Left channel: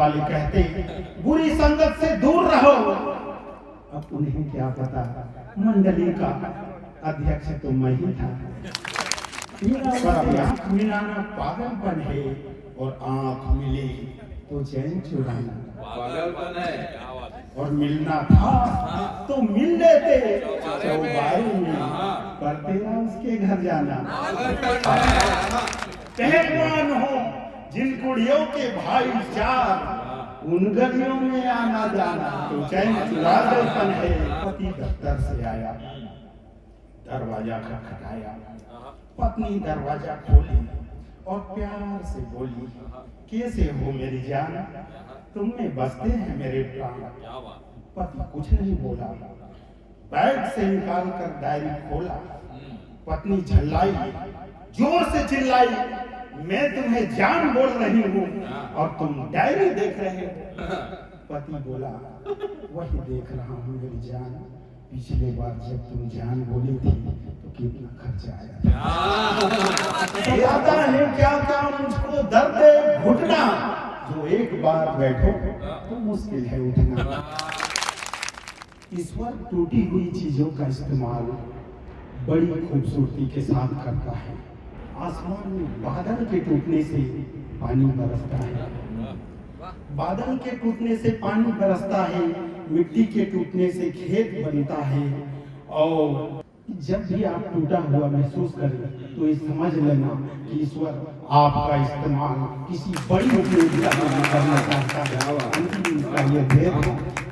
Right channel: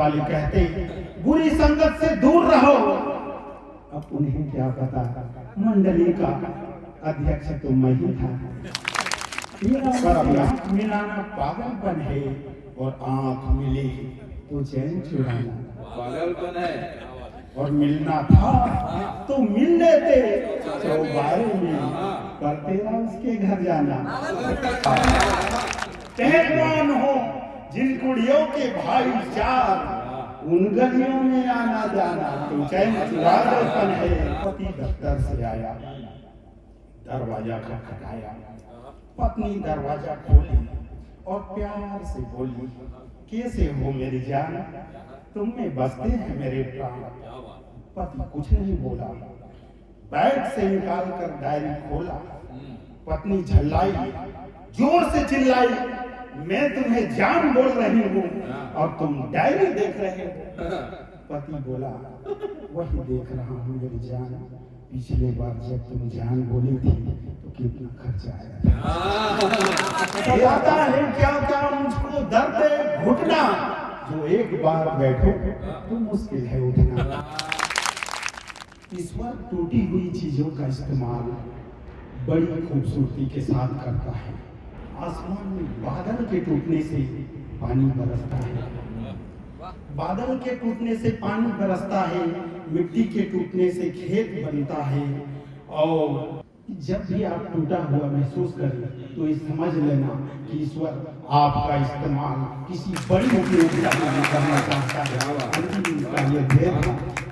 वाले कहते बुरी संगत से दूर रहो। अब उन्हें क्या पता मंडली का अध्यक्ष तो मैं ही था। पर अब आंख मिलाना पागलपन है और आंख मिले तो चैन चुराना पागलपन है। और मिलना था तो मिल लेते चौबारे में, पर तेरा उसके घर जाना। पहलवान हो जिन कुड़ियों के भाई चार, उन गलियों में आना जाना तो चैन चुरापन है। पति दफ्तर से आया, दरवाजा खटखटाया, पत्नी दरवाजा खोली और प्यार से बोली, कैसे हो मेरी जान, तुम में बसते हैं मेरे प्राण। पति कुछ नहीं बोला, बैग से निकाल कर डायरी खोला। पत्नी झल्लाई, जोर से चिल्लाई, मैं तुम्हें जान बोल रही हूँ और तुम डायरी देख रहे हो। पति बोला, वही देख रहा हूँ मेरी जान, पिछले बार जब तुम जान बोली थी तो कितना खर्चा आया। आता है क्या क्या मुझको दर्द घुटना, जो एक बार बैठो तो मुश्किल है उठना। ईश्वर टूटी हुई चीजों का इस्तेमाल बड़ी खूबसूरती के साथ करता है। आसमान में बादल के टूटने से पानी बरसता है, बादल के टूटने से पानी बरसता है, मिट्टी के टूटने से खेत बनता है। और जब भी आप टूटा हुआ महसूस करें तो ये समझ लेना कि ईश्वर आपका इस्तेमाल किसी बड़ी उपयोगिता में करना चाहता है। ये भेद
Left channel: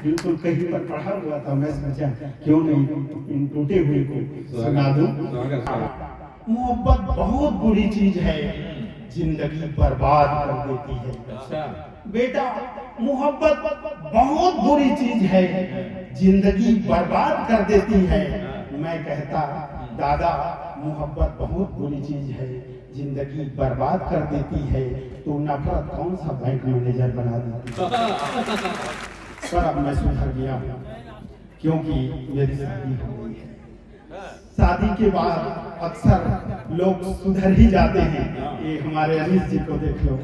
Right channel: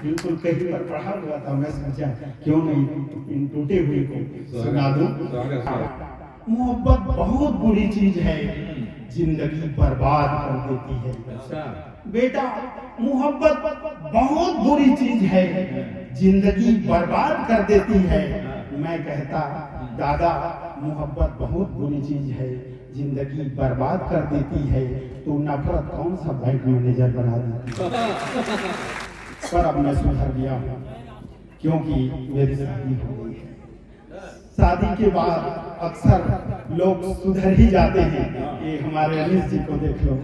बिल्कुल कहीं पर पढ़ा हुआ था, मैं सोचा क्यों नहीं इन टूटे हुए को सुना दूं। मोहब्बत बहुत बुरी चीज है, जिंदगी बर्बाद कर देती है। बेटा, मोहब्बत बहुत बुरी चीज है, जिंदगी बर्बाद कर देती है। मैं कहता, दादा मोहब्बत बहुत बुरी चीज है, जिंदगी बर्बाद कर देती है, तो नफरत कौन सा बैंक मैनेजर बना देती है। पर अब मैं सुधर गया हूँ, क्योंकि मेरी शादी हो गई है। शादी के बाद अक्सर लोग सुधर ही जाते हैं। ये हमारे अनिश जी को देख लो,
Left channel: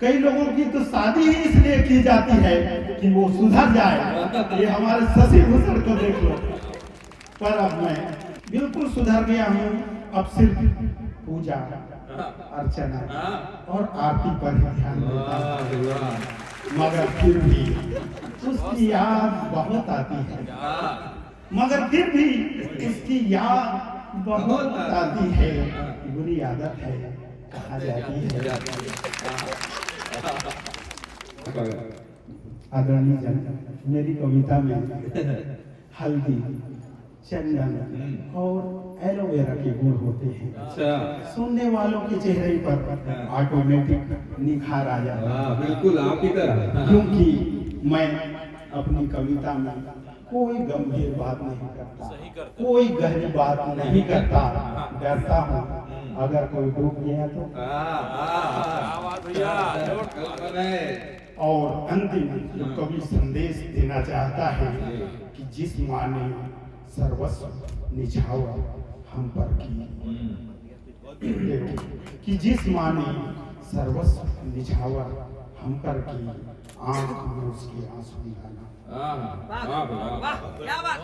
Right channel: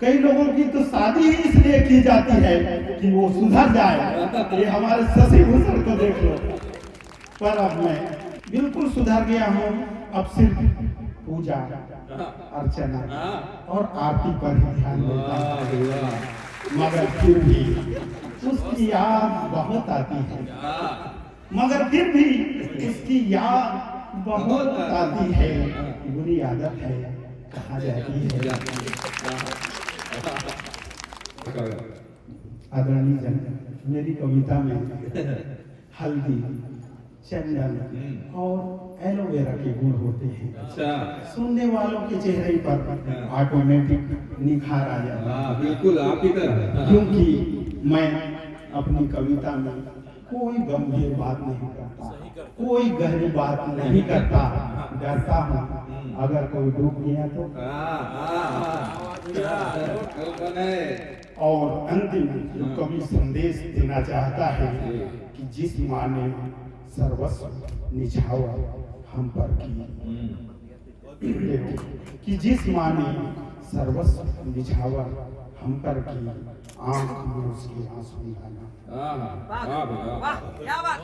कई लोगों की तो शादी ही इसलिए की जाती है कि वो सुधर जाए। ये हमारे शशि भूषण को देख लो। पर अब मैं बिल्कुल सुधर गया हूँ, अब सिर्फ पूजा अर्चना और आरती पर ही ध्यान देता हूँ। मगर फिर भी उसकी याद बहुत आती है, मगर फिर भी उसकी याद बहुत आती है। बुरी आदत है, कहा जाती है। आदरणीय जन, मेरी कविता में हल्दी, चंदन और एलोवेरा के गुण होते हैं। सुनने वालों के चेहरे पर ऑटोमेटिक निखार आ जाता है। बिल्कुल आप ही तरह। क्योंकि मैं अपनी कविता में कोई गंभीर बात नहीं करता, कोई गहरी बात नहीं करता। डरता हूँ अगर कोई डूब गया तो। और अंतिम जो कवि संदेश देना चाहता है कि जिस माँ ने सर्वस्व निछावर हम पर की, कि जिस माँ ने सर्वस्व निछावर हम पर की, आंख में उसके आंसू लाना। वाह, क्या बात।